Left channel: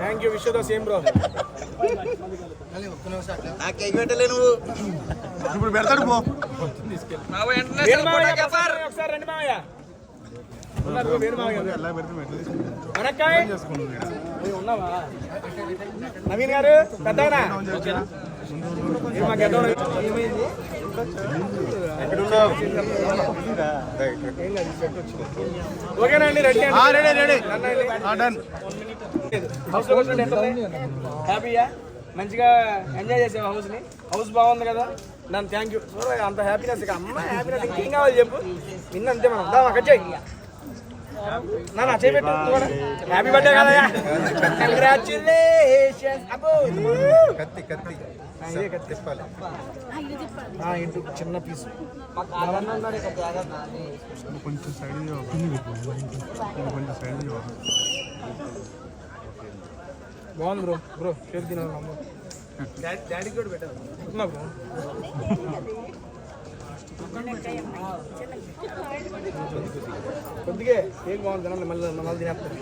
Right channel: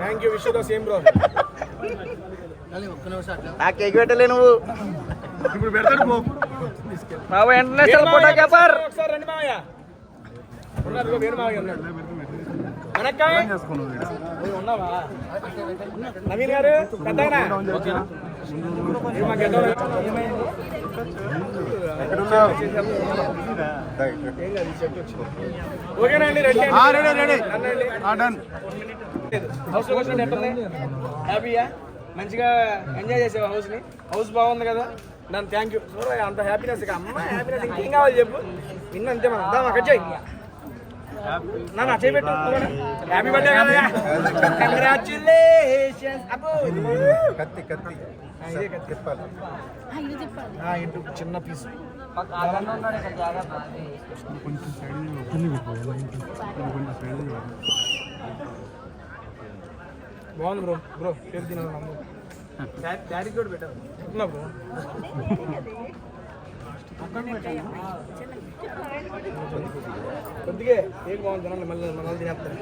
Thank you, wish you the same bro. ఆ cake పెట్టలే నువ్వు ఇప్పుడు పెడతాడు ఒకసారి రండి మావయ్య. ఉన్నావా నవీన్ గారు? పెద్దయినా ఓకేనా అండి? రెడీ హౌస్ లో కూర్చోండి. ఎట్లా హ్యాపీయా? మంచిగా ఎంజాయ్ చేసావు హౌస్ ని? హౌస్ బాగుంది కదా? నన్ను థ్యాంక్ యూ. చూడ అంత హ్యాపీనెస్. అమ్మ హ్యాపీనెస్ ఇంకేం కావాలి చెప్పు. విన్న అంతే మనం. దా అక్కడ చెయ్యి నా చేయబెట్టు కూడా. హ్యాపీ బర్త్డే కదా, కంగ్రాచులేషన్స్. అబ్బో కత్తి కత్తి ఇదే కత్తి చెప్పాలి. ఇటు చిన్న పీస్ కొంచెం సైడ్ కొంచెం సైడ్ బాగుంది బ్రో. బ్రో కేక్ తినాలి. డాడీకి కూడా పెట్టారు బ్రో. కొద్దిగా కేక్ బాగుంది తినాలి. మళ్ళీ మళ్ళీ తినేస్తారు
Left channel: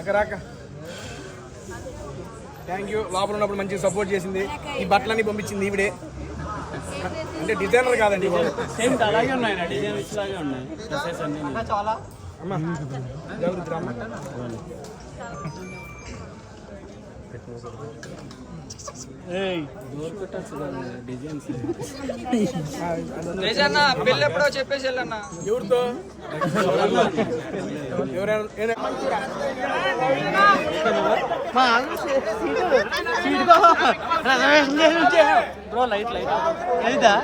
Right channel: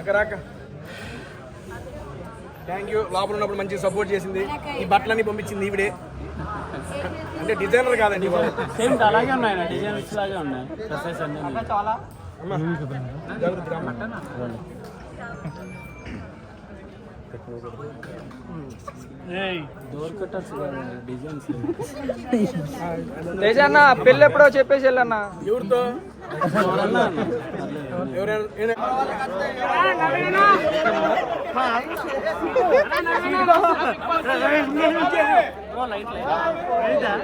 అక్క రాక. Thank you. లోపల ఉన్నప్పుడు మంచిగా సపోర్ట్ చేసింది. ఈ బట్టలన్నీ పంపించింది ఈవిడే. అంటే డిజైనర్ కాదండి బాబు. అమ్మా జాగ్రత్త రామ్మ. పెళ్ళి ఎప్పుడో చెప్పేసి వెళ్ళన్నా. ఎవరితో? ఎవరైనా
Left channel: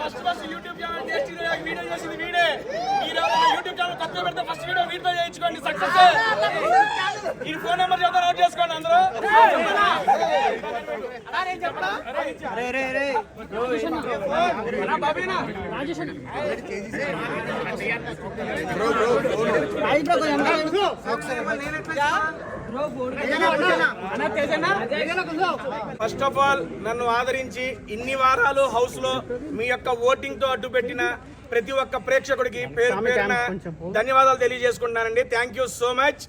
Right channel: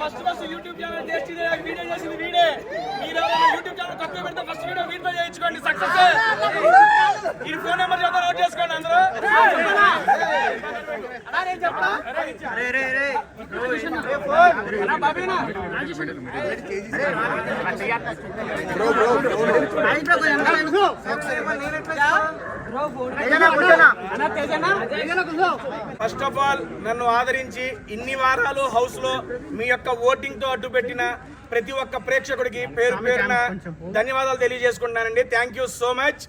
ఫస్ట్ యూట్యూబ్ ఛానల్ వీడియో చేసింది వీడే. యూట్యూబ్ ఛానల్ తప్పే పెడితే ఫస్ట్ వీడియో వీడితో చేయించుకోండి. సక్సెస్. ఈ ఫోన్ నెంబర్ చేద్దాం, నోట్ చేసుకోండి అందరూ. ఫస్ట్ ఆఫ్ ఆల్ నన్ను ఆదరించి ఇన్ని వారాలు హౌస్ లో మీ యొక్క ఓటింగ్ తో అడ్డు పెట్టిన ప్రతి ఒక్క ప్రేక్షకుడికి పేరు పేరున ధన్యవాదాలు తెలియజేసుకుంటున్నానండి. Thank you so much.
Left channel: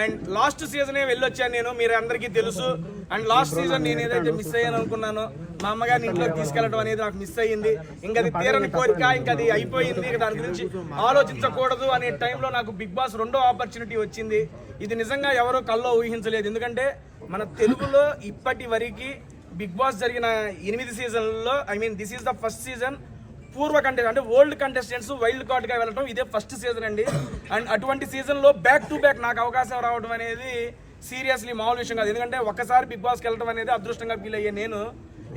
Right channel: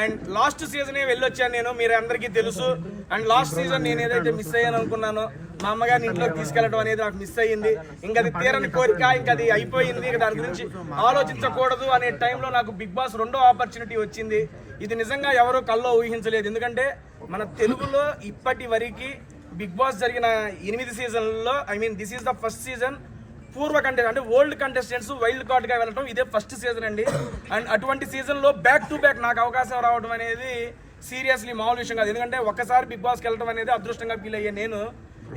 And last సీజనే వెళ్ళొచ్చాను నేను, మీరు అందరికీ తెలుసు. అండ్ లాస్ట్ సీజన్ నేను ఏదైతే మిస్ అయ్యాను అనుకున్నానో, మా అమ్మగారిని ఇంట్లోకి తీసుకెళ్ళడం అనేది నాకు మిస్ అయ్యింది. ఇంకా అది తీరని కోరిక, ఇంకా అది అయిపోయింది. దాని గురించి ఆలోచించకూడదు అనే టైంలో నాకు బిగ్ బాస్ 2వ ఆపర్చునిటీ వచ్చింది. ఇది నిజంగా ఎవరో కల్లో ఊహించలేదు. ఎందుకంటే మన తెలుగులో ఇప్పటి వరకు బిగ్ బాస్ జరిగిన 8 సీజన్లలో, this is the first season పూర్వ కంటెస్ట్ అంటే ఓల్డ్ కంటెస్టెంట్స్ వైల్డ్ కార్డ్ గా వెళ్ళడం ఇదే ఫస్ట్ సీజన్ అండి. అండ్ అటువంటి సీజన్ లో బ్యాక్ టు బ్యాక్ నాకు అవకాశం రావడం అనేది సీరియస్లీ మామూలు విషయం కాదు. ఎందుకంటే ఒక్కసారి బిగ్ బాస్కి వెళ్ళడం అనేది అదృష్టంగా ఫీల్ అయ్యే నేను.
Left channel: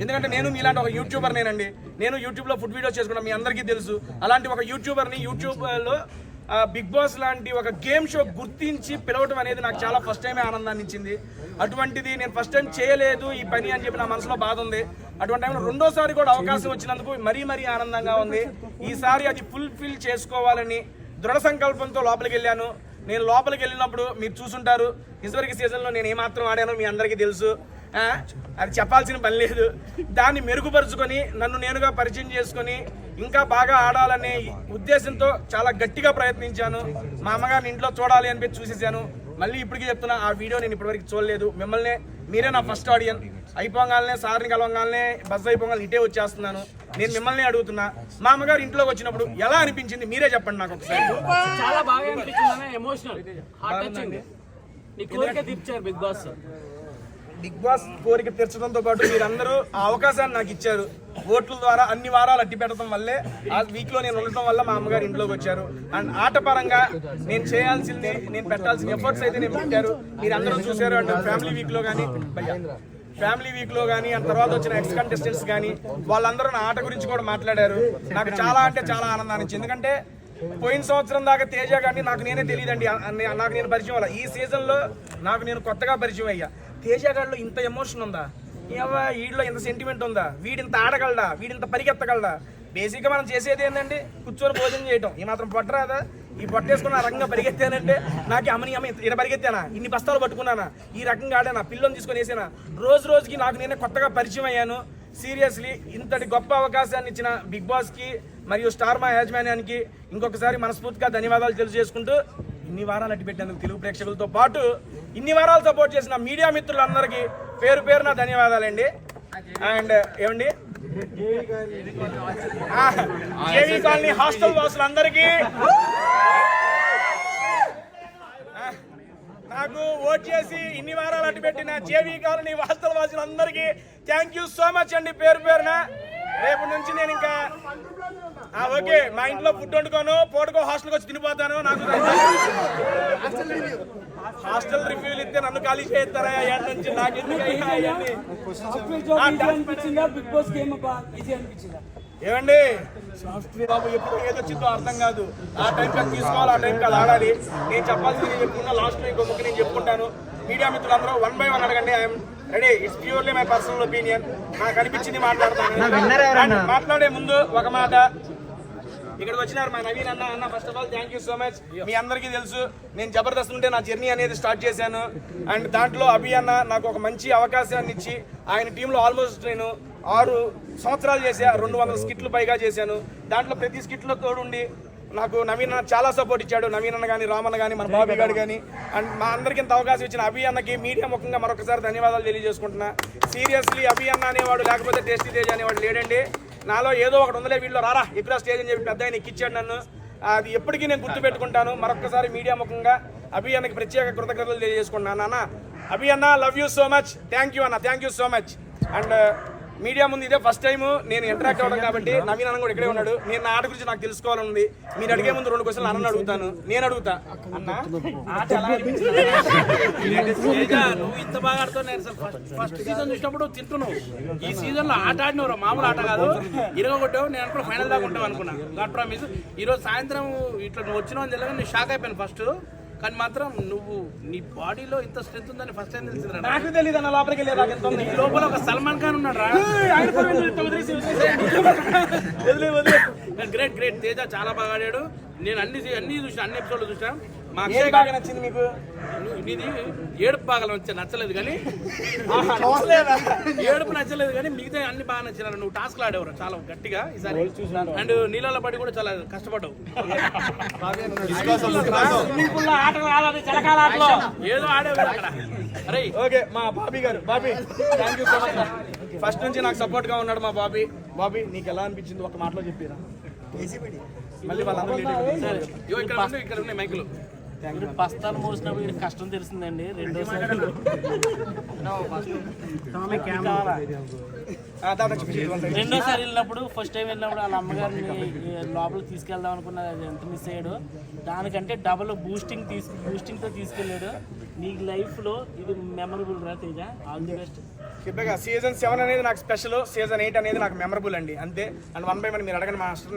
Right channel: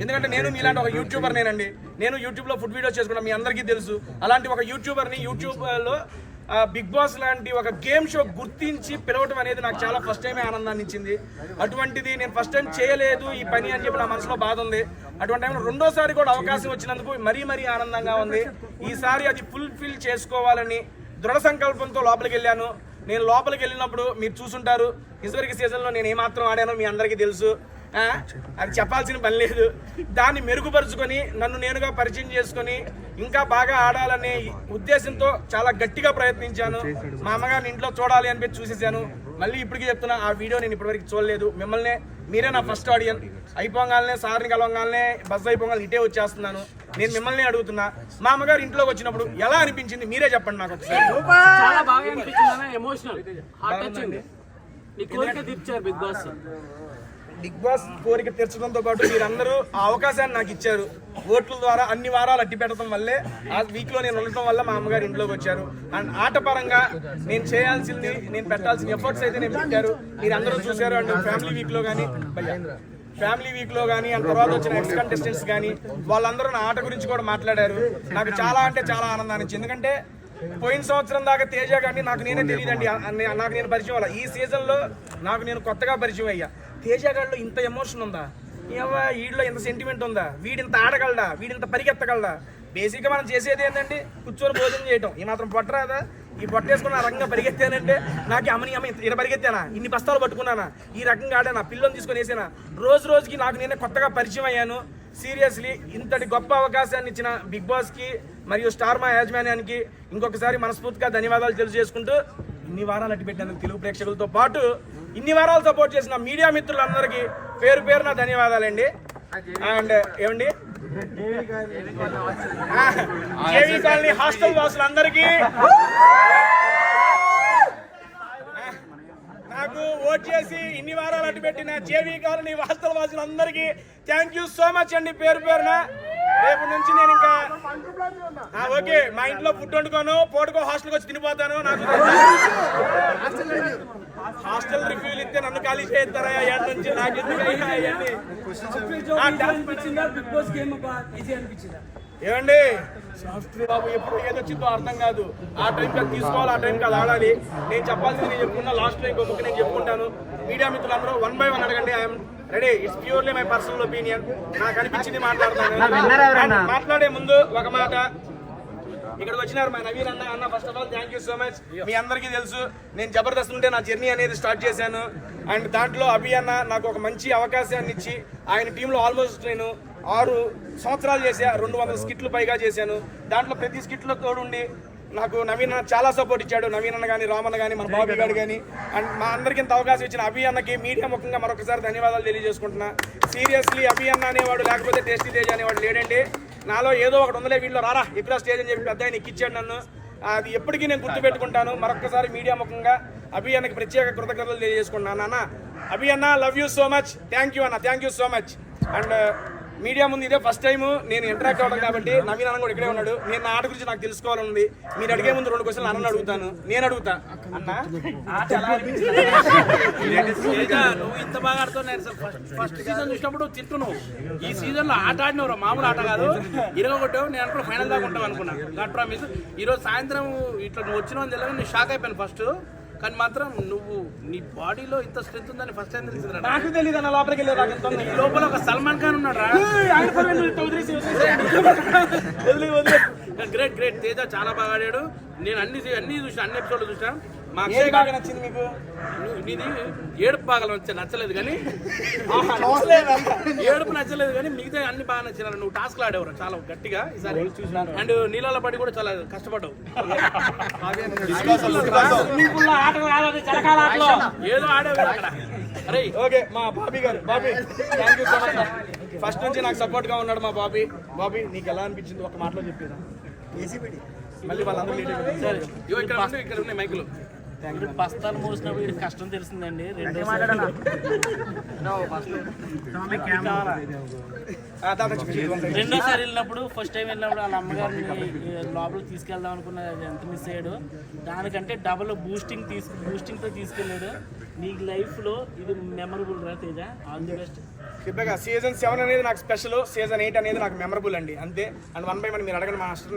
ఎందుకంటే నేను మీలాంటి ఒక యూట్యూబర్ నేనండి. నేను యూట్యూబ్లో ఫుడ్ వీడియోస్ చేసుకుంటాను, మీ అందరికీ తెలుసు. అలాంటి ఒక యూట్యూబర్ని యూట్యూబ్లో బిగ్ బాస్ లాంటి ఒక గేమ్ షో గుర్తించి పిలవటం అనేది నాకు చాలా ఫస్ట్ టైమే ఆనందాన్ని ఇచ్చింది. అటువంటిది నేను ఫస్ట్ టైం చేయలేదు ఈ పని అని చెప్పి నా మనసులో బాధ ఉంది. అటువంటి టైంలో 2వ కూడా అవకాశం వచ్చినందుకు మరీ ఆనందంగా ఉంది. ఈసారి అది ఫుల్ఫిల్ చేసుకోవాలని దృఢ సంకల్పంతో లోపలికి వెళ్ళాను. నేను లోపలికి వెళ్ళినప్పుడు మీరు చూసుంటారు, ఇదివరకు సీజన్లో నేను ఏమాత్రం ఆడానో మీ అందరికీ తెలుసు. అది చెప్పాల్సిన పని లేదు. దాన్ని మెరుగుపరుచుకొని నన్ను నేనుగా పరిచయం చేసుకొని ఇంకా బాగా ఆడాలనే ఉద్దేశంతో చాలా గట్టిగా ప్రయత్నించాను. మా అమ్మగారిని ఇంట్లో చూడాలి అని చూసేసాను. మళ్ళీ ఇప్పటికీ చెప్తున్నా, ఆ వీడియో నేను ఇప్పటివరకు చూడలేదు. మిమ్మల్ని మీరే నా ఫస్ట్ ఆడియన్స్. అయిపోగానే సార్ని కలవగానే బస్ అయిపోగానే ఇటే వచ్చేస్తున్నాను. నేను మిమ్మల్ని అడుగుతున్నా, మా అమ్మగారు ఇంట్లోకి వచ్చినప్పుడు ఎలా అనిపించింది మీరే చెప్పండి నాకు ఒకసారి. చాలా బాగా అనిపించింది. Emotional heart touching. నీ కోరిక తీర్చారు బిగ్ బాస్. బిగ్ బాస్ కోరిక తీర్చడంతో పాటు మీరందరూ ఆ అవకాశాన్ని నాకు ఇచ్చారు. ఓట్ల ద్వారా అన్ని వారాలు అట్టి పెట్టడం వల్లే ఆ వీక్ లో నేను ఉండటం వల్ల మా అమ్మగారు ఇంట్లోకి వచ్చారు. అండ్ ఆట పరంగా నేను చేయాల్సింది, నేను పెట్టాల్సిన ఎఫర్ట్స్ అయితే నేను పెట్టారు. మీరు అందరూ చూశారు. అండ్ ఫ్యామిలీ వీక్ లో కానీ అండ్ తర్వాత వచ్చిన ఎక్స్ కంటెస్టెంట్స్ కానీ వాళ్ళందరూ నా ఆట గురించి కూడా మాట్లాడారు. నాకు చాలా అంటే చాలా ఆనందాన్ని ఇచ్చింది. ఎందుకంటే పోయిన సంవత్సరం దాకా తేజ కానీ నాకు నేనే తెలియదండి, నాకు నేను పరిచయం అవ్వాలి. ఈ సీజన్లో నాకు నేను కొత్తగా పరిచయం అయ్యా. తేజ గారిలో ఇంత ఎమోషన్ ఉందా, వీడిలో ఇంత సెంటిమెంట్ ఉందా, వీడింత ఆడగలడా, వీడింత పరిగెత్తగలడా. బేసిక్గా మనం చేసేది ఏంటంటే కూర్చొని భోజనం చేయటం. ఈ మాత్రం పొట్టరాదా? ఈ పొట్టేసుకుని ఆ రకంగా పరిగెత్తానంటే నాకు అమ్మని ఇలా పరిగెత్తానా, ఇన్ని బస్తాలు పట్టుకున్నానా, ఈ రకంగా ఆడానా, పిల్లని తీసుకొని వేసానా. రోజుకి నాకు నేనే కొత్తగా పరిచయం అయ్యాను. సీరియస్లీ ఇంతటి గొప్ప అవకాశాన్ని ఇచ్చిన బిగ్ బాస్కి మరియు స్టార్ మా యాజమాన్యానికి ఇంకొకసారి మనస్ఫూర్తిగా ధన్యవాదాలు తెలియజేసుకుంటూ ఇన్ని వారాలు అట్టి పెట్టేందుకు తెలుగు ప్రేక్షకులతో పాటు ఇన్ని వారాలు సపోర్ట్ చేసిన మీడియా మిత్రులందరికీ పేరు పేరున ధన్యవాదాలండి. అండ్ ఏమండి జేవీ కాలనీ హాస్టల్ వాసులందరికీ, నాకు ఓట్ చేసి ఇన్ని వారాలు అట్టు పెట్టిన జేవీ కాలనీ హాస్టల్ వాసులందరికీ థ్యాంక్ యూ సో మచ్ అండి పేరు పేరున. రేపు నుంచి నేను ఇంకా ఓకే మా ఇంట్లో ఫుడ్ వండుకోను, పూటకో హాస్టల్కి వచ్చి తినిపోతాను. నాకు హాస్టల్ రివ్యూలు ఇస్తే నన్ను ఖాళీ చేస్తారా నుంచి ఏమండి సాఫ్ట్వేర్ బాబు ఎప్పుడు ఏదొచ్చిందో అర్థం కాదు. ఆ టైంకి అది తీసుకోవాలి, ఆ టైంకి అది ఆడాలి. నేను చెప్పాల్సింది నేను చెప్పుకున్నా, లాస్ట్లో ఇంకో ముక్క నేను చెప్పుకుంటాను. మీడియా మిత్రులందరూ 1 by 1 అడగండి. I'm ready. It's purely my personal opinion. నాకు అనిపించింది మాట్లాడతాను. మాట్లాడే ముందు ఒక మాట, ఇక్కడికి వచ్చినారు మా నవీన్ అన్న. First of all thank you so much. మీ అందరికీ తెలుసు నేను జబర్దస్త్ నుండి నా జర్నీ అనేది స్టార్ట్ చేశాను. అండ్ దాంట్లో అభి అన్న నాకు ఒక మంచి అవకాశాన్ని ఇచ్చి ఆయన టీంలో ఆల్మోస్ట్ నేను 6 సంవత్సరాలు చేశా. 200 స్కిట్లు పైగా చేశాను. దాంట్లో ప్రతి స్కిట్లో తోడుండి నాకు నవీన్ అన్న చాలా సపోర్ట్ ఇచ్చాడు. నవీన్ అన్న కానీ, రామన్న కానీ, మన బాబీ గారు కానీ, అండ్ మా అందరికీ ఇంత అవకాశం ఇచ్చిన అభి అన్నకి మీడియా ముఖంగా మరొకసారి ధన్యవాదాలు తెలియజేసుకుంటున్నా. సీరియస్లీ అభి అన్న అనేవాడు లేకపోతే టేస్టీ తేజ్ అనేవాడు లేడండి. నాలో ఏదో ఒకటి ఉందలే, వీళ్ళు రారా ఎక్కడ స్టేజ్ అని చెప్పి పెద్ద ఆయన ఎక్కిచ్చాడు నన్ను. అది ఎప్పటికీ నేను గుర్తుపెట్టుకుంటాను. మరొకసారి మీడియా ముఖంగా అభి అన్నకి ప్రత్యేక కృతజ్ఞతలు తెలియజేసుకుంటున్నాను. అన్న అభి అన్న love you so much. Thank you అన్న, thank you so much. And media ముందు ఇదే ఫస్ట్ టైం నేను ఇంటరాక్ట్ అవ్వడం కాబట్టి నవీన్ అన్న కూడా ఇక్కడే ఉన్నాడు. నేను నా ఆట గురించి నాకు తెలుసుకోవాలనుంది. మీరు అడిగే ముందు 2 క్వశ్చన్లు అన్న అడుగుతాను. నేను అడుగుతా అన్న ఆట ఎలా అనిపించింది? నువ్వు ఇంత బాగా ఆడుతావు. ఫస్ట్ సీజన్ చూసినప్పుడు తింటున్నావు. ఈ సీజన్ లో ఆట ఆడినవు, మామూలు ఆట కాదు. ఇరగొట్టావు. నేను అనుకున్నా ఫైనల్ దాకా ఉంటావు అనుకున్నా. God promise. ఈరోజు సాయంత్రం ఇట్లా నువ్వు వచ్చినావు అని తెలియదు. నేను షాక్ అయిపోయాను ఫస్ట్. కానీ మాత్రం నువ్వు నీ బాడీలో ఇంత స్ట్రెంత్ ఉందని ఫస్ట్ టైం తెలిసింది. నాకు తెలియదు అన్న, లోపలికి వెళ్ళే ఈ లోపల ఒక సల్మాన్ ఖాన్ ఉన్నాడు రా. Great great. తేజ చాలా బాగా ఆడాడు. నేను అన్ని చూసిన, అన్ని ఎపిసోడ్లు చూసినా. మా అక్షయ్ బాగా నచ్చింది మీకు? నీది ఏడుపు బాగా నచ్చలేదు కానీ, ఏడుపు నచ్చలేదు కానీ మిగతా అన్ని బాగా నచ్చినారు. నువ్వు టాస్క్లు ఆడేవారు చాలా గట్టిగా ఈసారి. అండ్ నీళ్ళ పడి కూడా చాలా కష్టపడ్డావు. ఏదో ఆడేవారు అక్కడ. అరే ఓకే మా బాబీ గారు, Bobby thank you so much. First నుంచి నాకు సపోర్ట్ గా ఉన్నాడు మా బాబీ. బాబీ నీకు ఎలా అనిపించింది ఒక మాటలో చెప్పిరా. మళ్ళీ వాళ్ళందరూ ఇక్కడ ఉన్నాయి మైకులు. బస్తాలు మోసినప్పుడు వీడికి కష్టం తెలిసిందండి. రెండోసారి వెళ్ళినప్పుడు, ఫస్ట్ టైం వెళ్ళినప్పుడు వాళ్ళ అమ్మగారిని లోపలికి తీసుకెళ్దాం అనుకున్న ఎంత మిస్ అయ్యాడు. దానికంటే డబుల్ బూస్టింగ్తో తీసుకెళ్ళాడు. నీ లైఫ్లో ఇది మెమరబుల్ రా తేజ. All the best. చెప్పగా సీజన్ 7 అనేది నాకు స్పెషల్, సీజన్ 8 అనేది నాకు మెమరబుల్ అండి, అంతే. అండ్ 1 by 1 మీరు అడగండి మాస్టర్.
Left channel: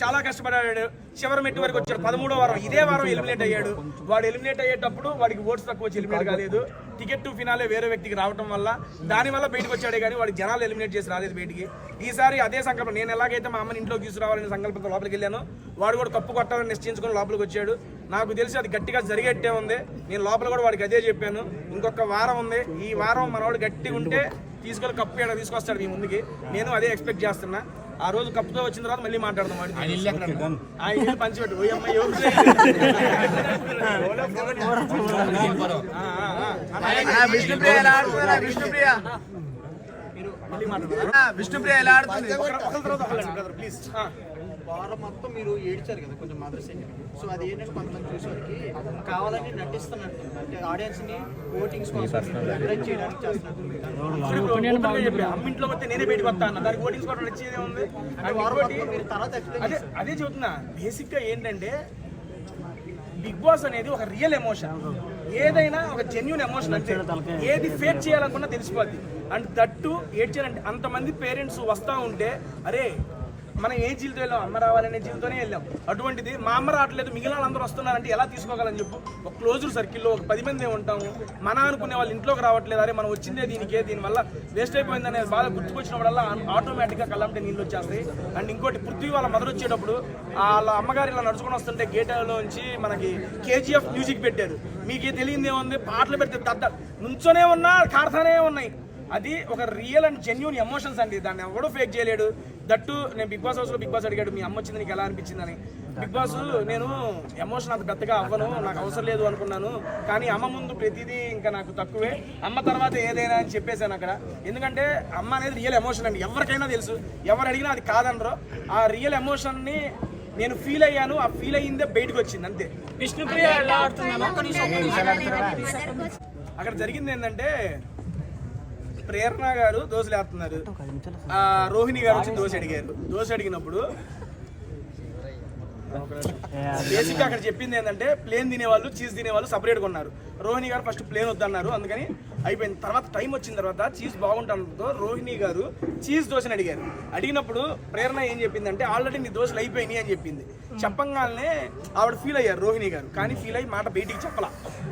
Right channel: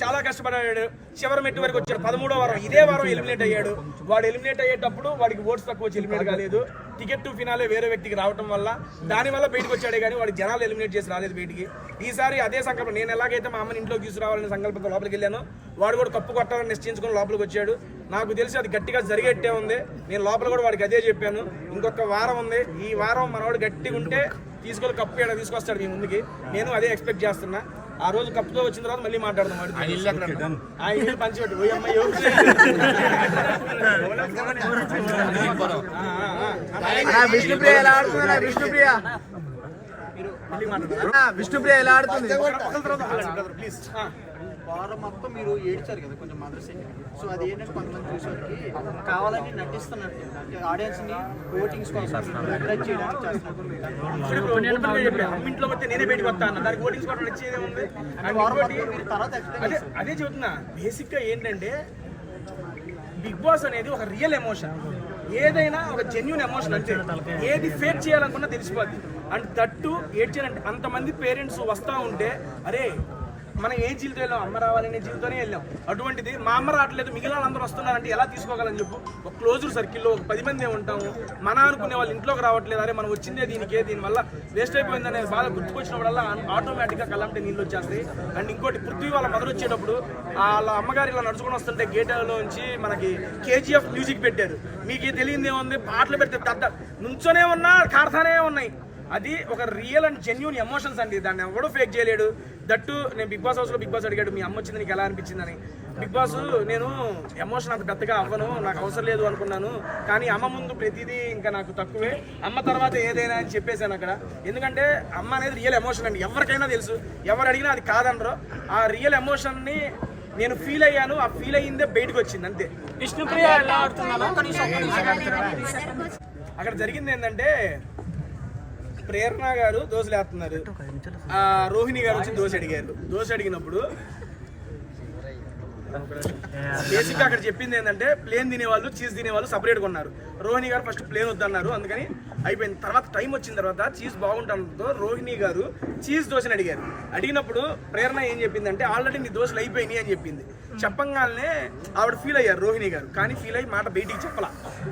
చాలా కష్టపడ్డాడు. చివరి మెట్టు వరకు వచ్చాడు. 13వ వారం ఇదే వారం ఎలిమినేట్ అయ్యాడు. వాడు ఎలిమినేట్ అయ్యేటప్పుడు వాడికి ఓట్స్ తక్కువ వచ్చి ఎలిమినేట్ కాలేదు. టికెట్ టు ఫినాలే వేరే వ్యక్తికి రావడం వల్ల దానివల్ల బయటకు వచ్చాడే కానీ వాడి జనాలు ఎలిమినేట్ చేసి రాలేదు బయటికి. ఈసారి అదే సంకల్పం. నేను ఎలాగైతే మా అమ్మని ఇంట్లోకి తీసుకురావాలనే సంకల్పంతో లోపలికి వెళ్ళాను. వాడు కూడా కప్పు కొట్టాలని నిశ్చయించుకొని లోపలికి వచ్చాడు. నాకు తెలిసి అది గట్టిగా జరిగేట్టే ఉంది. నేను లోపల కూడా వాడికి అదే చెప్పాను. ఇంకొక వారం ఉంది. ఈ వారం మనవాడు గట్టిగా ఉంటే తీసుకొని కప్పు ఏడా తీసుకొస్తాడు మీ ముందుకి. నేను అదే ఎక్స్పెక్ట్ చేస్తున్నా. ఆ రోజు కప్పుతో వచ్చిన తర్వాత మళ్ళీ మాట్లాడదాం. వాడు పంచిపెట్టు విష్ణుప్రియ ఎలా ఆడుతుంది? ప్లీజ్. వారం మొత్తం మీరు ఏడ్చారు కదా కొంచెం మదర్ సెంటిమెంట్. సో అది ఏంటంటే కొంతమంది చూసేవారికి కావాలని నటిస్తున్నట్టు, అంటే ఆడియన్స్ ని ఓటింగ్స్ కోసం అట్రాక్ట్ చేయడానికి చేస్తున్నట్టు. అమ్మింట్లోకి వస్తే నేనే బయటకు వస్తా అన్న, దానికి ఓటింగ్స్ కూడా నచ్చేదే ఉంది. మీరు తర్వాత ఎక్స్ప్లెయిన్ అదే చెబుతున్నా. బేసిక్ గా ఏంటంటే బిగ్ బాస్ అనేది ఒక రియల్ ఎమోషన్. ఏదైనా ఒక జెన్యూన్ ఎమోషన్. అంటే ఏది ఫేక్ చేయాలనుకున్నా తెలిసిపోద్ది. అండ్ దట్టు ఏడ్ చేయాలంటే అంతమంది పేరెంట్స్ వస్తూ ఉంటే అరే మనం ఏ జీవితం వెళ్ళాం, అమ్మ రావాలనే జీవితంతోనే వెళ్ళాం. అటువంటిది మా అమ్మ రావట్లేదు, మిగిలిన వాళ్ళందరూ వస్తున్నారంటే ఎలా తీసుకోగలని చెప్పు. ఒక క్లోజ్డ్ సర్కిల్లో ఒక 10 మంది ఉంటాము. మన అనుకునే వాళ్ళు ఇంట్లోకి రావట్లేదు, అరే మనం వచ్చిందే దీనికే, దీనివల్ల వేస్ట్ అయిపోయిందనే బాధ గుర్తుకొచ్చినప్పుడల్లా ఆటోమేటిక్గా కళ్ళంటే నీళ్ళు వచ్చేస్తాయి. అండ్ ఇంకోటి పృథ్వీ వాళ్ళ మదర్ వచ్చేటప్పుడు వాళ్ళ అమ్మగారు ఇలా నడుచుకుని వస్తుంటే గేట్లోంచి మనకి KGF మ్యూజిక్ పెట్టారు. మీకు తెలియదు ఏముంది, పాటలు పెడితే నుంచోనే ఉన్నా కారుతానే ఉన్నాయి. అది ఒక రియల్ అండ్ జెన్యూన్ ఎమోషన్స్ అండి, దాన్ని ఎవడూ ఫేక్ చేయలేడు. దట్టు నేను బిగ్ బాస్ హౌస్లో బిగ్ బాస్ అడిగాడు మీ అమ్మ వచ్చింది నీకు ఎలా అనిపించిందని. బిగ్ బాస్ నేను ఎమోషన్ అంత పెద్దగా అవ్వను, నాకు అవసరం లేదు అనుకున్నాను, కానీ అమ్మ ముందు ప్రతిదీ ఇంకా నాకు తక్కువే, అమ్మ తర్వాత ఏదైనా అని చెప్పేశాను అక్కడ. ఎందుకంటే అమ్మ అనేది రియల్ ఎమోషన్ అండి, ఎవరికైనా తెలుసు, ఎవరు అడిగినా అది కాదనరు. ఆ రియల్ ఎమోషన్ని నేను ఫీల్ అయ్యాను, ఆ ఫీల్ అయ్యిందే బయటకు వచ్చింది అంతే. విష్ణుప్రియ ఎలా ఆడుతున్నాను అక్కడ జరిగింది ఏంటంటే ప్రేరణ గారు దోశలు వేస్తున్నారు, రోహిణి గారు వచ్చి దోశ అడిగినప్పుడు బేసిక్గా అక్కడ చెప్పింది ఏంటంటే ప్లేన్ తినేవాళ్ళు చీజ్ తినేవాళ్ళు సపరేట్గా ఉన్నారు. రోహిణి గారు ఫస్ట్ ప్లేన్ వద్దన్నారు, అందుకని అయిపోయింది. తర్వాత టైం వచ్చిన తర్వాత చీజ్ బాగుంటుందో రోహిణి గారు చీజ్ దోశని అడిగినప్పుడు ప్రేరణ ఏం చెప్పిందంటే ఆల్రెడీ నీ దోశలు అయిపోయినాయి అని చెప్పింది. చెప్పంగానే ఆవిడ ఫీల్ అయ్యారు రోహిణి గారు, కానీ ఫీల్ అయ్యి మాట బయటికి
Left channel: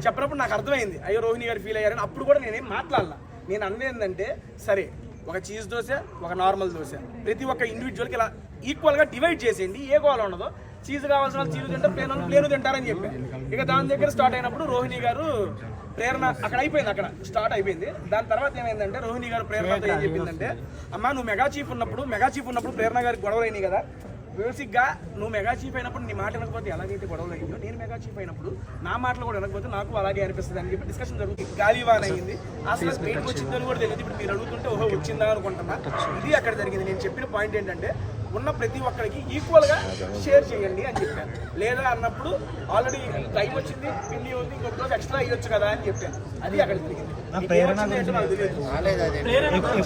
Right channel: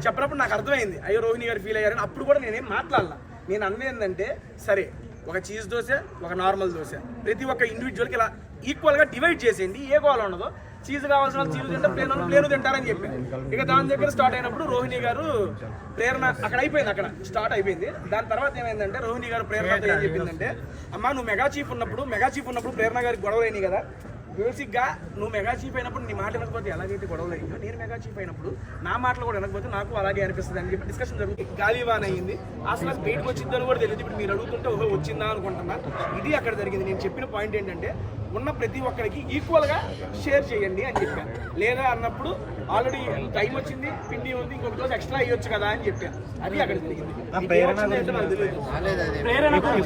చెప్పినప్పుడు నాకు అర్థమైంది అయ్యో రోహిణి గారు ఫీల్ అయ్యారని. అప్పుడు కూడా నేనేం మాట్లాడాల, నేను అన్నది ఏంటంటే సరే ఒక చీజ్ దోశ ఒక నార్మల్ దోశ ప్రతి ఒక్క ఇండివిజువల్కి ఇలా ఈక్వల్గా డివైడ్ చేసేయండి, ఏ గోళ ఉండదో, చీజ్ కావాల్సిన వాళ్ళు చీజ్ తింటే ప్లేన్ తింటారని చెప్పి ఇక దాని దగ్గర స్టార్ట్ అయినప్పుడు రోహిణి గారు ప్రేరణ అక్కడ అయిపోయింది, అక్కడ స్టార్ట్ అయిపోయింది. దాని తర్వాత ఏమైందంటే రోహిణి గారు ప్రేరణతో ఏం చెప్పిందంటే అమ్మ నువ్వు మెగా చీఫ్ ఉన్నప్పుడు ప్రేరణ గారికి గొడవలు అయినాయి కదా, బేసిక్గా నువ్వు మెగా చీఫ్ అయినప్పుడు నీ మాట వినకపోతే ఎలాగైతే గొడవలు అయ్యిందో నేను మెగా చీఫ్ అయినప్పుడు నా మాటలు కూడా వినకపోతే నాకు అలాగే అనిపిస్తుంది అని చెప్పి డిస్కషన్ జరుగుతుంది. గాలివాన్ అయింది, అసలు బయటకు వచ్చిందని కూడా తెలియదు. ఇప్పుడు మీరు అడుగుతుంటే ఓహో వచ్చిందా అనుకుంటున్నా, ఇది అక్కడ జరిగింది. నేను చెప్పిన పాయింట్ ఏంటంటే ఉన్న ప్రతి ఒక్కరికి ఈక్వల్గా షేర్ చేయండి అని చెప్పాను. లేదా అన్నప్పుడు ఆల్రెడీ టైం వచ్చింది, పిండి ఉంది, ఇంకొక రోజు ఎక్స్ట్రా అయ్యొచ్చు కదా అని చెప్పాను. అది అక్కడ జరిగింది.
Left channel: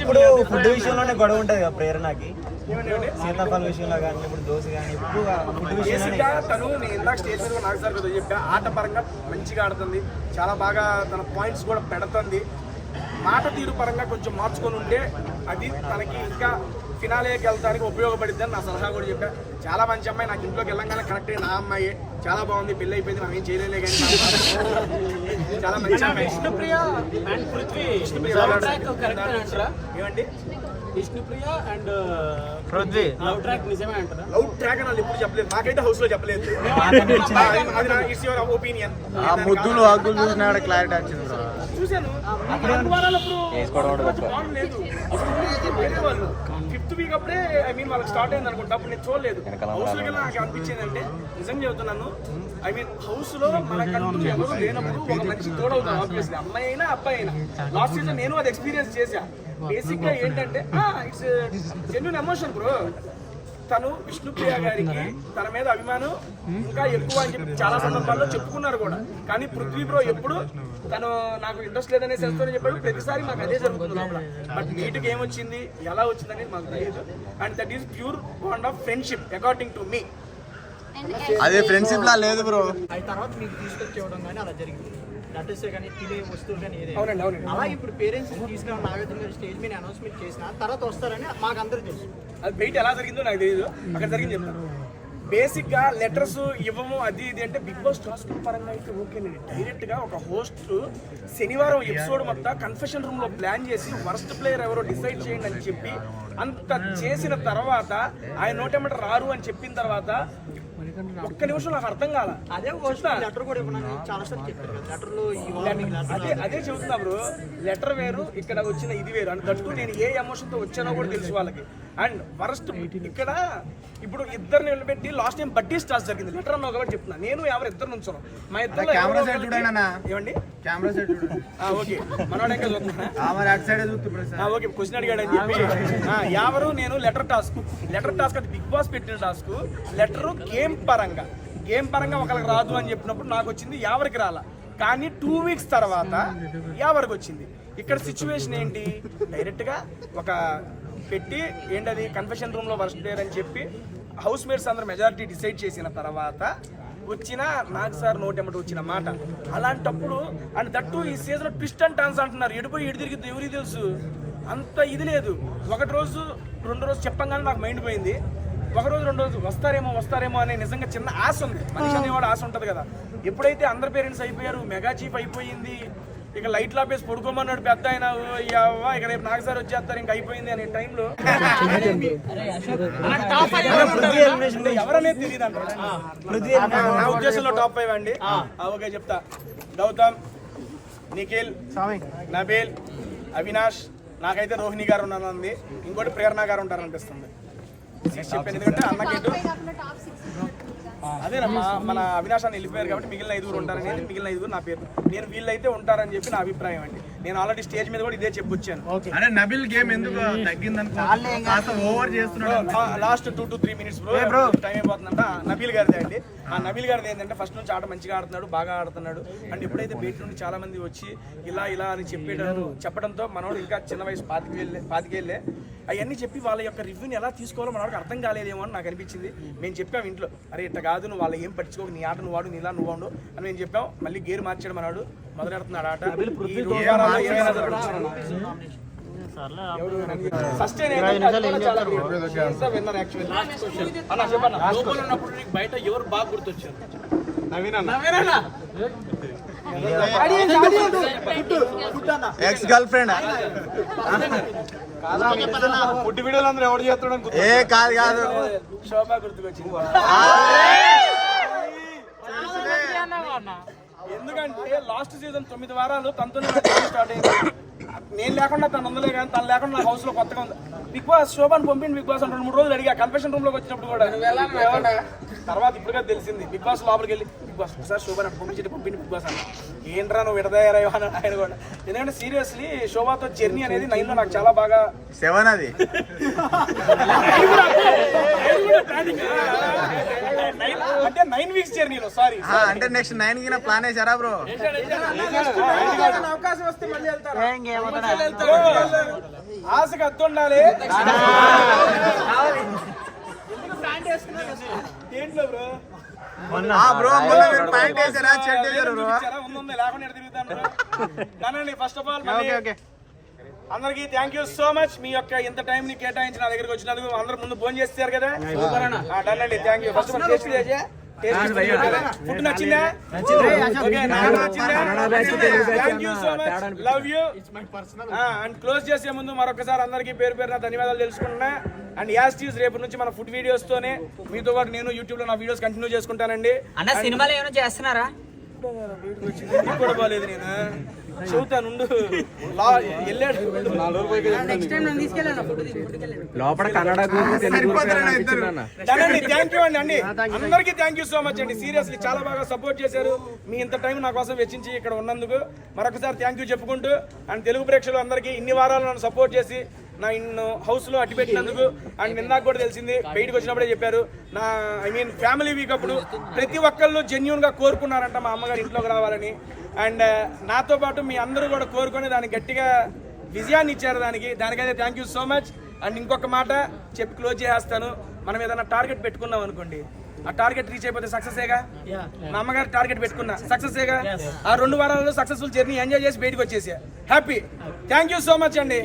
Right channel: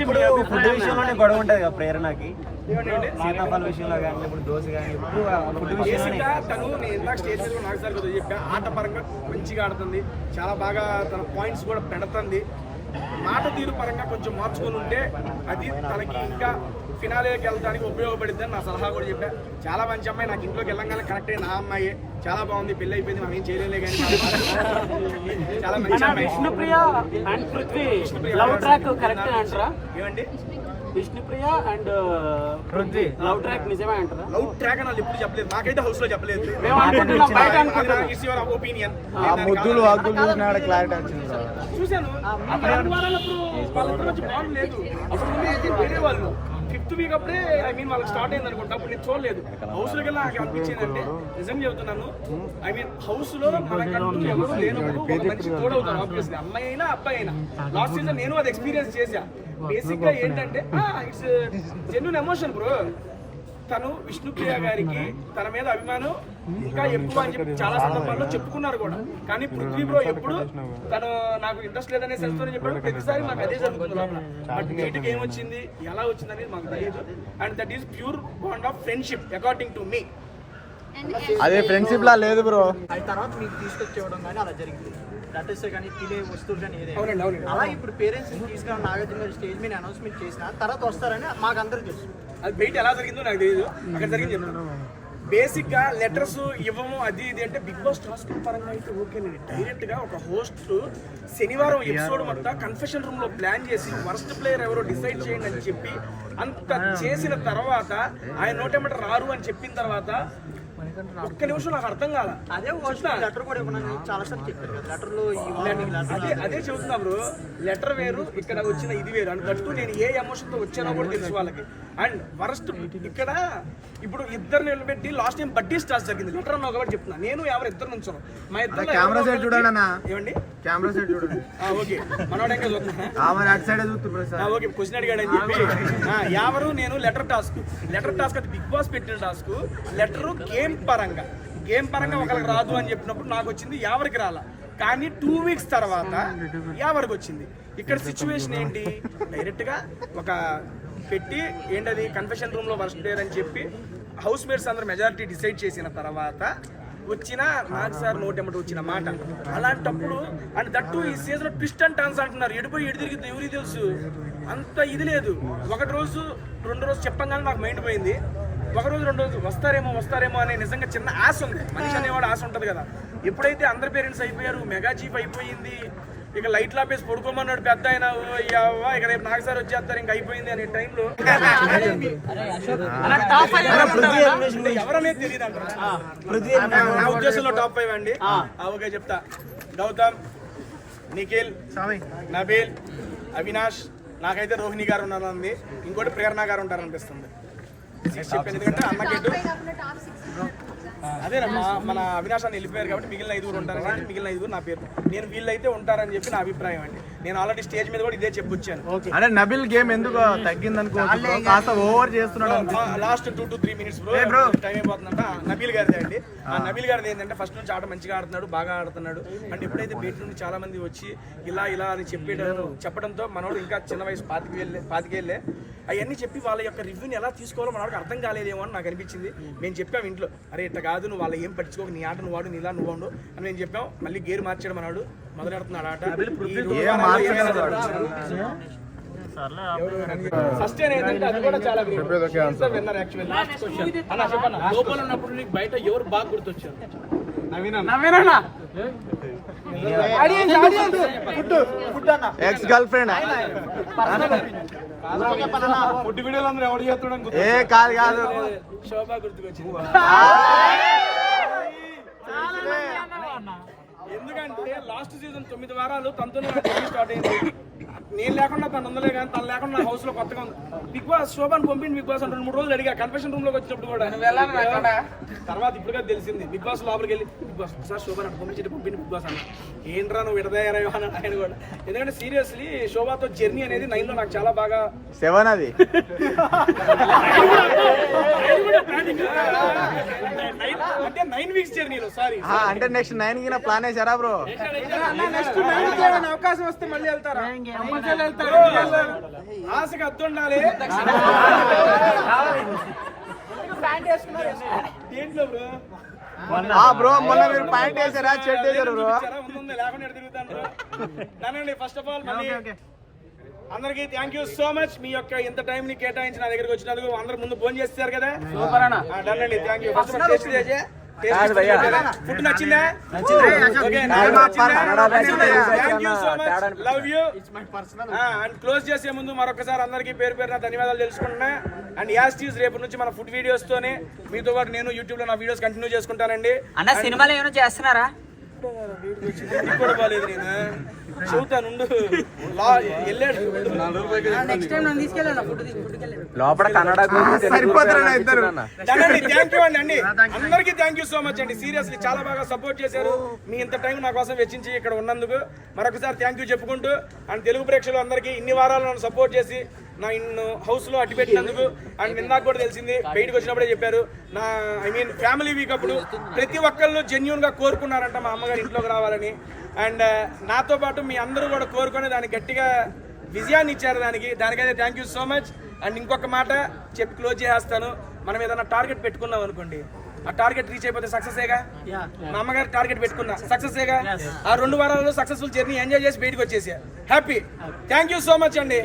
ఇప్పుడు ఫుడ్ విషయంలోనే గొడవ ఉంటుంది కదా ప్రేరణకి, సీతాఫల విషయంలో కానీ ఇప్పుడు దోశ కానీ ఎప్పుడు ఫుడ్ విషయంలోనే. తను నేను ఇందాక స్టేజ్ మీద నాకు సార్ కదా చెప్పా, ఆట పరంగా మంచిగా ఆడుతుంది, చాలా బాగా తన పాయింట్స్ కూడా పెడుతుంది. మాట తీరు పరంగా కొంచెం మార్చుకొని ఉంటే అది తనకి ఇంకా ఫినాలేకి వెళ్ళడానికి ఉపయోగపడుద్ది అని నా సలహా కూడా చెప్పా. చాలా మంచి అమ్మాయి, నాకు ఇంట్లోకి వెళ్ళంగానే కరెక్ట్ అయిన నా అమ్మాయి, చాలా బాగుంది, పెళ్ళి అయిపోయింది, మనం ఏం చేయలేలే కానీ చాలా మంచి అమ్మాయి. Vishnupriya and Prithvi love track correct అంటారా? ఏమండి Vishnupriya and Prithvi love track నిజమే అంటారా? లవ్ ట్రాక్ అని వాళ్ళు ఎప్పుడు చెప్పలేదు, మాకైతే హౌస్ లో చెప్పలేదు. ఒపీనియన్ ముద్దులు హగ్గులు చూసినా క్లారిటీ వచ్చింది బ్రో. చూశాను. 4 వారాలప్పుడు వాళ్ళిద్దరు వచ్చి బాగుంది లేదు, అప్పుడు వేరే వాళ్ళు 5th వీక్ అప్పుడే వాళ్ళకి స్టార్ట్ అయింది అనుకుంటా. అప్పుడు నేను చూడలేదు. హౌస్ లోకి నాకు అనిపించింది అంటే నిజంగా చెబుతున్నాను, హౌస్ లో మనకంటూ ఎవరు లేనప్పుడు ఒక మంచి తోడవుతాం. ఆబ్వియస్లీ అమ్మాయి అయినా అబ్బాయి అయినా. లాస్ట్ సీజన్ నేను అది ఎక్స్పీరియన్స్ చేశా. బేసిక్ గా ఏంటంటే ఇట్స్ జెన్యూన్ ఎమోషన్ బ్రో. తను విష్ణుప్రియ గారికి తన మీద అభిమానం ఇంకా ఎక్కువ అని చెప్పి చాలా సందర్భాల్లో చెప్పుకున్నారు కూడా. కానీ పృథ్వీ బ్రో ఎప్పుడు తను నాకు ఇంట్రెస్ట్ లేదనే సెల్స్తోనే చెప్పాడు. ప్రతిసారి మాకు అదే జరుగుతుంది లోపల. బట్ బయటకు ఏమొచ్చింది ఎలా వచ్చింది అనేది మాకు తెలియదు. And that is pure bond of friendship according to me. అదే ఫ్రెండ్షిప్ లా లేదు బ్రో. అది తర్వాత మీకు తీసుకొచ్చేవడం కానీ అలా జరిగింది. లెటర్స్ కానీ తినే వస్తువులు కానీ ఏదైనా. అవునండి. అలా ఇప్పుడు పేరెంట్స్ తీసుకుని నాగార్జున గారు స్టేజ్ మీద అనౌన్స్మెంట్ చేసిన తర్వాత వస్తారని మాకు అందరూ తెలుసు. అది బయట ఎలా జరిగిందో నాకు తెలియదు, అక్కడ జరిగింది చెప్తాను. బేసిక్ గా లెటర్స్ ఇవ్వము అది ఇది అంటే బిగ్ బాస్ టాస్క్ పరంగా అయితే ఓకేనండి. డైరెక్ట్ గా ఒక హోస్ట్ శనివారం ఎపిసోడ్ మొత్తం కన్ఫెషన్ రూమ్ లో ప్లాన్ చేసి వర్స్ట్ ప్లేయర్ ఎవరో డిసైడ్ చేయండి అని చెప్పి అంత చేసిన తర్వాత ఆయన నోటెమ్మట రారు అని చెప్పిన తర్వాత ఒక్క నిమిషం నాకు అర్థం కాల. అదే లెటర్ కూడా ఇవ్వనని చాలా సార్లు చెప్పారు కదా. లెటర్లో అదే చెబుతున్నా బ్రో, లెటర్ వేరు ఇక్కడ వచ్చిన ఇది వేరు. అండ్ దట్టు నేను ఏ ఎమోషన్తో వచ్చానో కూడా తెలుసు వాళ్ళకి. అండ్ వరస్ట్ ఇక్కడ ఇప్పుడు ఇద్దరు నిలబెట్టి లాస్ట్ టైం బడ్డీ స్టార్స్ జరిగింది. లెటర్ అన్నా కాబట్టి చెప్తున్నా, నేను ఎవరు ఇద్దరు నుంచో మా ఇద్దరు ఏమండి కెమెరా సైడ్ చూడండి. ఓకే మనోడు ఇంకా చూస్తున్నా ఓకే క్వశ్చన్ అడిగాడు అని చెప్పి ఎవరు నేను లెటర్ టాస్క్ అది బిగ్ బాస్ పెట్టిన టాస్క్. లెటర్ గేమ్ పరంగా ఒకరికి రాదు అని చెప్పినప్పుడు నాకు వచ్చింది, ఎవరికి రాలా. కానీ 2 వీక్స్ తర్వాత ఎవరికి వచ్చింది. ఇక్కడ సిచ్యువేషన్ ఏంటి, డైరెక్ట్ గా ఒక పెట్టి ఏంటది కన్ఫెషన్ రూమ్ లో వర్స్ట్ ప్లేయర్ అని చెప్పి హౌస్ మేట్స్ అందరూ మెజారిటీ డిసైడ్ చేసిన తర్వాత వచ్చిన నాకు సార్ నోటెమ్మట వచ్చిన మాట. అలాంటప్పుడు అండ్ దట్టు ఈ సీజన్ ట్విస్ట్ అండ్ టర్న్స్ అంటున్నారు. ఎడిపోయి ఎడి తిరిగిద్ది ఎవరికి తెలుసు, అంత ఇది లేదు. 1 రోజు 2 రోజు చెప్పంగానే నాకు మైండ్ పోయింది. 1 రోజు 2 రోజు వస్తారేమో అనే నిజంగా చిన్న ఆశ ఉంది. మనిషి అనేవాడు ఆశ ఉంటుంది కదా. ఎప్పుడైతే అందరు పేరెంట్స్ అయిపోయారు, మెగా చీఫ్ అయిపోయింది, ఇక లైట్ లాపేసి పడుకోమన్నాడు పెద్ద ఆయన, ఇక రేపు నాకు సార్ వచ్చేస్తారు ఇంకా అయిపోయింది అనే టైంలో ఎవరనేది తెలియదు అంటారు. నా ఉద్దేశంలో టాప్ 5 అండి. ఓకే చెప్తా. గౌతమ్, నిఖిల్, నబీల్, అవినాష్, నాకైతే రోహిణి గారు ఉన్నారని, ఇంకోటి ప్రేరణ గారు ఉంటారనిపిస్తుంది. చెప్పాను ఎందుకంటే అన్నకేటు అదేనమ్మా, మన అవినాష్ అని వెళ్ళిపోయారు కాబట్టి మిగిలిన 5 ఉంటారనేది, మిగిలిన 5 నా పేరు. నేను వీళ్ళైతే ఉంటారని చెప్పి నా అభిప్రాయం అండి. నేను ఆల్రెడీ స్టేజ్ మీద కూడా ఇదే చెప్పొచ్చాను. అంటే నబిల్ గేమ్ ఎందుకు తగ్గింది అనుకో, కాస్త ఓవర్ చేస్తున్నాడు. Last 2 to 3 minutes bro time అయిపోతుందంట. నబీల్ గారిదే అండి. ఆ నబీల్ గారిది ఏంటంటే ఫస్ట్ నుంచి ఆట మంచిగా ఆడుతున్నాడు, బాగా ఆడుతున్నాడు. అండ్ ఎప్పుడైతే బయట నుండి చాలా మంది వచ్చి ఇలా అని చెప్పడంతో మనోడు ఇంకా చిన్న వయసు 25 ఏళ్ళే అవన్నీ చెప్పి వాళ్ళ యొక్క రివ్యూని ఎలా తీసుకోవాలో మనోడికి అర్థం కాలేదేమో అని నాకు అనిపించింది. మేము చెప్పాము ఇంట్లో, అరే ఇట్లా కాదు, నువ్వు వాళ్ళ ఏం పట్టించుకోక, నీ ఆట నువ్వు వాడు, నీలా నువ్వు వాడు అని మేము చెప్పాం. మళ్ళీ గేర్ మార్చాడు మనవాడు, మొదలెడుతున్నాడు ఆట. లోపల ఉన్నప్పుడు నీకు బయట ఎవరు బాగా గుర్తొచ్చారు? ఎక్స్ గర్ల్ ఫ్రెండ్ ఏ కాదు శోభా గుర్తుకొచ్చింది. ఎందుకంటే లాస్ట్ సీజన్ 9 వారాలు తనతోనే స్టార్ట్ అయింది. నేను లేకుండా తను ఉందలే కానీ తను లేకుండా నా హౌస్ లో కొత్తగా ఉంది. బిగ్ బాస్ శోభాని పంపిండి బిగ్ బాస్ 2-3 రోజులు అడిగా కన్ఫెషన్ రూమ్ లోకి వచ్చినప్పుడు కూడా. తర్వాత ఇప్పుడుగా తెలిసింది బిగ్ బాస్ లోపలికి వెళ్ళి, బిగ్ బాస్ ఒకసారి శోభాని అటు పంపిండి బిగ్ బాస్ అన్న. ఏంట్రా నువ్వు విడదయ్యారా అని ఆయన కూడా. ఎందుకంటే సీరియస్లీ శోభాతో జర్నీ అనేది 9 లో నాకు చాలా బాగా 7 అది అంటే 9 weeks జర్నీలో సారీ అంటే నెక్స్ట్ 9 కి నా ప్లాన్ వేసారా బ్రో? అవకాశం వస్తే మళ్ళీ వెళ్తారు. ఆశకు అద్దు ఉండాలి. దేంట్లో బ్రో? బ్రో మొన్న మీరు ప్యాంట్ వేసారా, షర్ట్ వేసారు బ్రో? లేకుండా తిరుగుతాను. ఫస్ట్ ఆఫ్ ఆల్ అందరికి థ్యాంక్ యూ సో మచ్. మీ యొక్క ఇంత టైం ని కేటాయించి నా దగ్గరికి వచ్చినందుకు. అందరు ముందు ఫోన్ చేస్తారు కదా, డన్ అండి. Thank you. ఫస్ట్ ఫుడ్ నచ్చిందా? Thank you so much, love you. And close చేసే ముందు మరొకసారి అందరికీ పేరు పేరున ధన్యవాదాలు తెలుసుకుంటున్నా. అండ్ యాస్టీస్ రేపు నుంచి మన ఫుడ్ వీడియోస్ తోనే మీతో పాటు నేను యూట్యూబ్ లో నా వీడియోస్ కంటిన్యూ చేసుకుంటానండి. అన్న సినిమాలో ఏమైనా చేస్తున్నారా? కూడా బాగాలేదు, నేను చెబుతాను వెళ్ళాడు. థ్యాంక్ యూ అండి. అందరికీ థ్యాంక్ యూ సో మచ్ అండి. సీరియస్లీ చాలా బాగా సపోర్ట్ చేశారు. మీ ఇంత టైం నా కోసం వెచ్చించి ఇక్కడ ఉన్నందుకు మరొకసారి థ్యాంక్ యూ చెప్పుకుంటూ, అండ్ తెలుగు ప్రేక్షకులు అందరికీ ఇన్ని వారాలు నన్ను సపోర్ట్ చేసి నా ఇన్ను హౌస్ లో అట్టి పెట్టినందుకు. అండ్ నిన్నాకు కూడా తెలిసింది, బయటకు వచ్చినప్పుడే చెప్పారు, నా ఫ్యామిలీ వీక్ అప్పుడు ప్రతి ఒక్కళ్ళు జెన్యూన్ గా కోరుకున్నారంట మా అమ్మగారు ఇంట్లోకి రావాలని. అండ్ నాతో పాటు మీ అందరూ కూడా కోరుకొని దానికి గట్టిగా విజయాన్ని ఇచ్చారు. దానికైతే thank you so much. And ఇంకొక మాట చెప్పి క్లోజ్ చేసేస్తాను. మనం ఏదైనా టార్గెట్ పెట్టుకున్నాం అనుకోండి, ఆ టార్గెట్ రీచ్ అయిపోతే సక్సెసేగా. మా అమ్మగారు టార్గెట్ పెట్టుకున్నా, సక్సెసేగా. ఆ 2 వారాల్లో సక్సెస్ఫుల్ జర్నీ ఎంజాయ్ చేసి బయటకు వచ్చేసా, happy. Thank you so much అండి.